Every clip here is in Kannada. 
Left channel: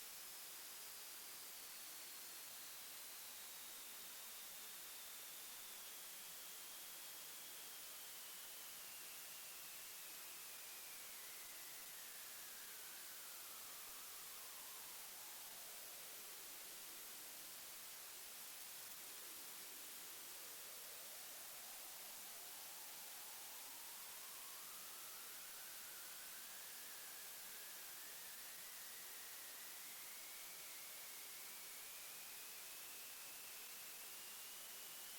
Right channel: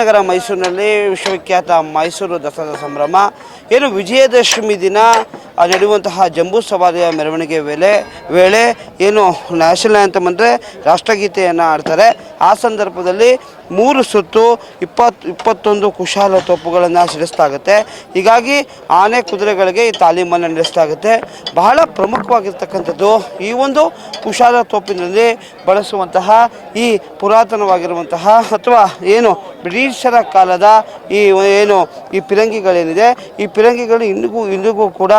ನಗರ ಮೈಸೂರಿನಲ್ಲಿ ವಿಶ್ವವಿಖ್ಯಾತ ಮೈಸೂರು ದಸರಾ ಸಂಭ್ರಮ ಏನು ವಿಜಯದಶಮಿ ದಿನ ನಡೆಯುವಂತಹ ಜಂಬೂ ಸವಾರಿಯ ಮೆರವಣಿಗೆ ವೇಳೆ ಏನು ನ್ಯಾಷನಲ್ ಆ್ಯಂಥಮ್ ಅಂದರೆ ರಾಷ್ಟ್ರಗೀತೆಯನ್ನು ಆಡ್ತಾರೆ. ಆ ಸಂದರ್ಭದಲ್ಲಿ 3 ಸುತ್ತು 21 ಕುಶಾಲ ತೋಪುಗಳನ್ನು ಸಿಡಿಸಲಾಗುತ್ತೆ. ಹೀಗಾಗಿ ಆನೆ ಕುದುರೆಗಳಿಗೆ ಈ ತಾಲೀಮನ್ನು ನಡೆಸಲಾಗುತ್ತೆ. ಬಹಳ ಪ್ರಮುಖವಾಗಿರ್ತಕ್ಕಂಥದ್ದು ಈ ಒಂದು ಕುಶಾಲ ತೋಪಿನಲ್ಲಿ ಬಳಸುವಂತಹ ಈ ಪುರಾತನವಾಗಿರುವಂತಹ ಅಥವಾ ಏನು ಬ್ರಿಟಿಷರ ಕಾಲದ ಈ ಪಿರಂಗಿಗಳೇನಿದೆ, ಈ ಪಿರಂಗಿಗಳು ಇಂದಿಗೂ ಕೂಡ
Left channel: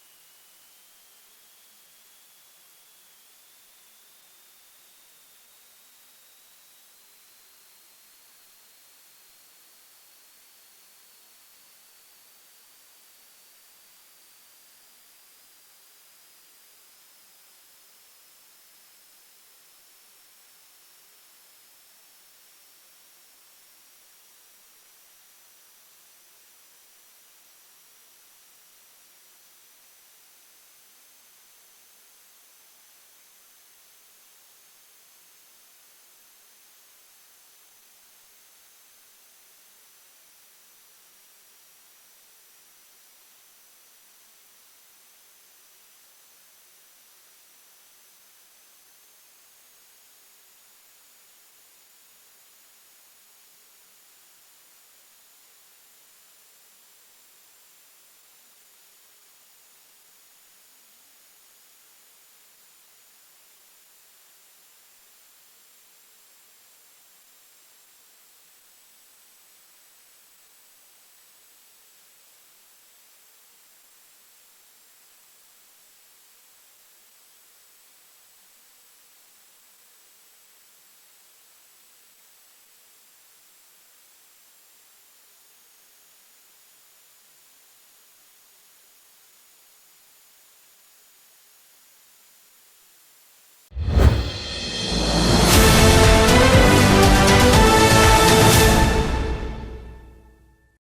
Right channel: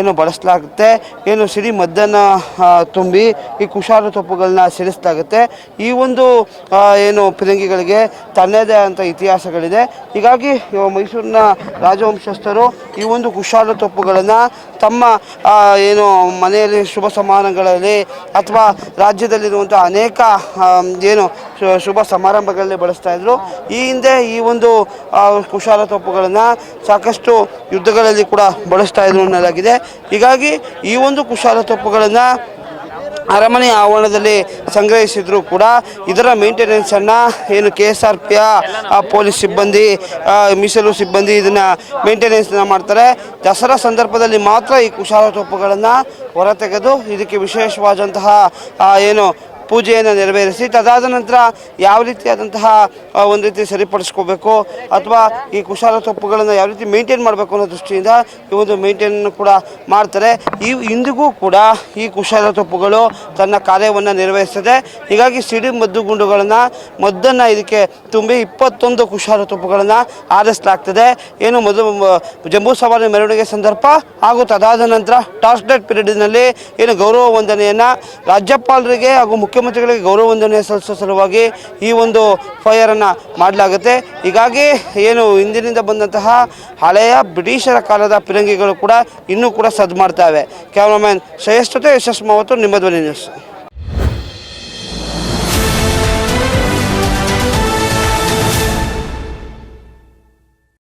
ಏನು ಬಳಸಲಾಗುತ್ತೆ. ಏನು ಸಿಡಿ ಮದ್ದನ್ನು ತುಂಬಿ ಈ ಕುಶಾಲ ತೋಪುಗಳನ್ನ ಸಿಡಿಸಲಾಗುತ್ತೆ. ಈ ಒಂದು ಏನು ಪಿರಂಗಿಗಳಿಗೆ ತನ್ನದೇ ಆದಂಥ ಇತಿಹಾಸಗಳಿದೆ. ಹೀಗಾಗಿ ಮೈಸೂರಿನ ರಾಜವಂಶಸ್ಥರು ಈ ಒಂದು ಕುಶಾಲ ತೋಪುಗಳನ್ನು ತಮ್ಮ ಏನು ಮನೆಯಲ್ಲಿ ಶುಭ ಸಮಾರಂಭಗಳಲ್ಲಿ ಅಥವಾ ರಾಜ್ಯದಲ್ಲಿರುವಂಥ ಅನೇಕ ಏನು ಶುಭ ಸಮಾರಂಭಗಳಲ್ಲಿ ಬಳಸ್ತಾ ಇದ್ರು. ಈ ಹಿಂದೆ ಈ ಒಂದು ಕುಶಾಲ ತೋಪುಗಳನ್ನು ಸಾಕಷ್ಟು ಯುದ್ಧಗಳಲ್ಲಿ ಕೂಡ ಬಳಸ್ತಾ ಇದ್ರು ಅನ್ನಲಾಗಿದೆ. ಹೀಗಾಗಿ ಈ ಒಂದು ಕುಶಾಲ ತೋಪುಗಳನ್ನು ಅರಮನೆ ಆವರಣದಲ್ಲಿ ಸಂಗ್ರಹಿಸಿದ್ರು ಕೂಡ ಇದರ ಮೇಂಟೆನೆನ್ಸನ್ನು ಏನು KSRPಯ ಪೊಲೀಸ್ ಸಿಬ್ಬಂದಿ, ಮೀಸಲು ಸಿಬ್ಬಂದಿ ಇದನ್ನು ಮೇಂಟೆನೆನ್ಸ್ನ ಮಾಡ್ತಾರೆ. ದಸರಾ ಸಂದರ್ಭದಲ್ಲಿ ಮಾತ್ರ ಈ ಕುಶಾಲ ತೋಪುಗಳನ್ನು ಹೊರತೆಗೆದು ಇದಕ್ಕೆ ವಿಶೇಷವಾದಂತಹ ಏನು ಪೂಜೆಯನ್ನು ನೆರವೇರಿಸಿ ತದಾದ ನಂತರ ಯಾವ ರೀತಿಯಾದಂತಹ ಒಂದು ರೀತಿ ಸರಿಪಡಿಸ್ಕೋಬೇಕು ಅಥವಾ ಈ ಕುಶಾಲ ತೋಪುಗಳನ್ನು ಯಾವ ರೀತಿ ಮೇಂಟೈನ್ ಮಾಡಬೇಕು ಅನ್ನೋ ದೃಷ್ಟಿಯಿಂದ ಈ ಒಂದು ಮೇಂಟೈನ್ ಕೂಡ ಮಾಡ್ತಾರೆ. ಇಂದಿಗೂ ಕೂಡ ಈ ಕುಶಾಲ ತೋಪುಗಳು ತನ್ನ ಕಾರ್ಯವನ್ನು ನಿರ್ವಹಿಸ್ತದೆ. ಹೀಗಾಗಿ ಸಿಡಿ ಮದ್ದನ್ನು ಇದಕ್ಕೆ ತುಂಬಿ 21 ಕುಶಾಲ ತೋಪುಗಳನ್ನು ಆರಿಸಲಾಗ್ತದೆ. ಏನು ಜಂಬೂ ಸವಾರಿ ಮೆರವಣಿಗೆ ಸಂದರ್ಭ ಹಾಗೂ ತದಾದ ನಂತರ ಟಾಸ್ ಲೈಟ್ ಪೀರಿಯಡ್ನಲ್ಲಿ ಏನು ಗೌರವ ವಂದನೆಯನ್ನು ರಾಜ್ಯಪಾಲರಿಗೆ ಹಾಗೂ ಮುಖ್ಯಮಂತ್ರಿಗಳಿಗೆ ಗೌರವ ವಂದನೆ ಸಲ್ಲಿಸುವ ಸಲುವಾಗಿ ಈ ಒಂದು ಫೈರನ್ನು ಮಾಡಲಾಗುತ್ತೆ. ಹೀಗಾಗಿ ಏನು ಹಿಂದಿನಿಂದ ಬಂದಂತಹ ಹಳೆಯ ಬ್ರಿಟಿಷರ ಕಾಲದ ಪಿರಂಗಿಗಳು ಕೂಡ ಇನ್ನೂ ಕೂಡ ಸದ್ದು ಮಾಡ್ತಾವೆ. ಕ್ಯಾಮ್ರಾಮನ್ ಶ್ರೇಷ್ಠತೆ ಯಶಸ್ ಮಾವತ್ತು, ನಿಮ್ಮ ಧ್ವನಿ ನ್ಯೂಸ್.